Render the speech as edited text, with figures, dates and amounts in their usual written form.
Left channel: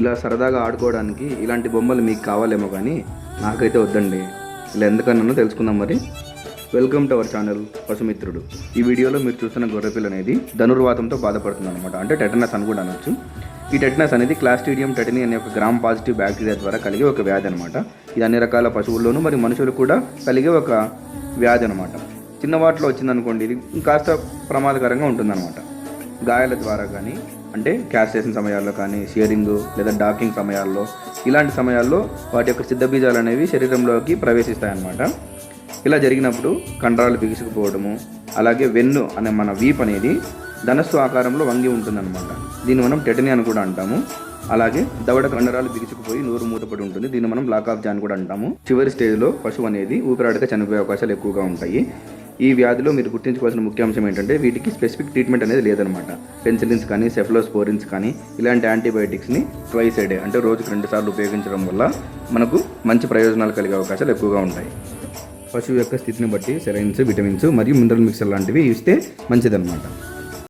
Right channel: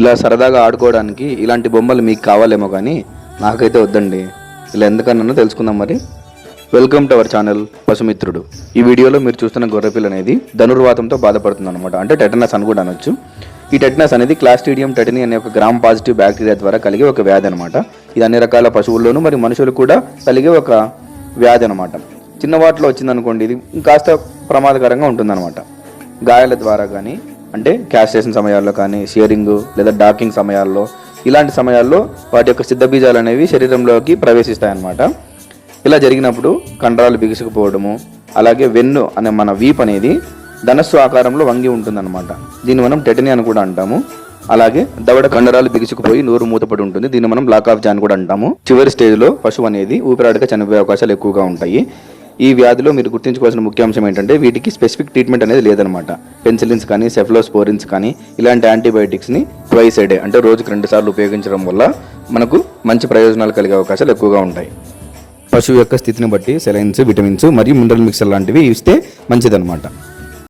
ఇలా సరదాగా ఆడుకోవడానికి ఇలాంటి బొమ్మలు మీకు కావాలేమో కానీ నాకైతే వద్దండి. ఇలా ఎందుకన్నానో తెలుసుకుందాం మరి. Welcome to our channel Pashumitrudu. ఈ వీడియోలో మీరు చూస్తున్న గొర్రెపిల్ల అనేది ధనుర్వాతంతో బాధపడుతుంది అనమాట. అంటే టెటనస్ అని కూడా అనొచ్చు. ఈ టెటనస్ అనేది క్లాస్ట్రీడియం టెటనీ అనే ఒక గ్రామ్ పాజిటివ్ బ్యాక్టీరియా ద్వారా కలిగే ఒక వ్యాధి అనమాట. ఇది అన్ని రకాల పశువుల్లోనూ మరి మనుషులు కూడా కలిగే ఒక వ్యాధి అనమాట. చిన్న వాటిలో వచ్చిందనుకోండి, ఇది కాస్త ప్రమాదకరంగా ఉంటుందన్నమాట. గాయాల ద్వారా కానీ, అంటే క్యాస్ట్రేషన్ సమయాల్లో కానీ, షేరింగ్ లేదా డాకింగ్ సమయాల్లో, ఇలాంటి సమయాల్లో వాటి యొక్క సిద్ధబీజాలు అనేవి శరీరంలోకి ప్రవేశిస్తాయన్నమాట. ఇలా జరిగినప్పుడు కండరాలు బిగుసుకుపోవడము, అలాగే వెన్ను అనే మన వీప్ అనేది ధనస్సు ఆకారంలో వంగి ఉంటుందన్నమాట. దీన్ని మనం టెటనీ అని కూడా అంటాము. అలాగే దవడ కండరాలు బిగుసుకుపోయి నోరు మూతపడి ఉంటుంది. దీన్ని మనం లాక్ ఆఫ్ జాన్ కూడా అంటాము. చివరి స్టేజ్లో పశువు అనేది ఊపిరాడక చనిపోయే అవకాశాలు ఎక్కువగా ఉంటాయి. ఈ వ్యాధిలో మీరు గుర్తుంచుకోవాల్సిన ముఖ్య అంశం ఏంటంటే వీటికి స్పెసిఫిక్ ట్రీట్మెంట్ అనేది లేదనమాట. పెన్సిలిన్స్ కానీ, సెఫ్లోస్పోరిన్స్ కానీ ఇలాంటి యాంటీబయాటిక్స్ని ట్వైస్ ఏ డే, అంటే రోజుకి 2 సార్లు ఉపయోగించడం వల్ల మనకు మంచి ప్రయోజనాలు కలిగే అవకాశాలు ఎక్కువగా ఉంటాయి. పశువు యొక్క స్థితిని బట్టి సెలైన్స్, విటమిన్స్ మరియు మినరల్ మిక్సర్ లాంటివి ఇస్తే మంచిదన్నమాట.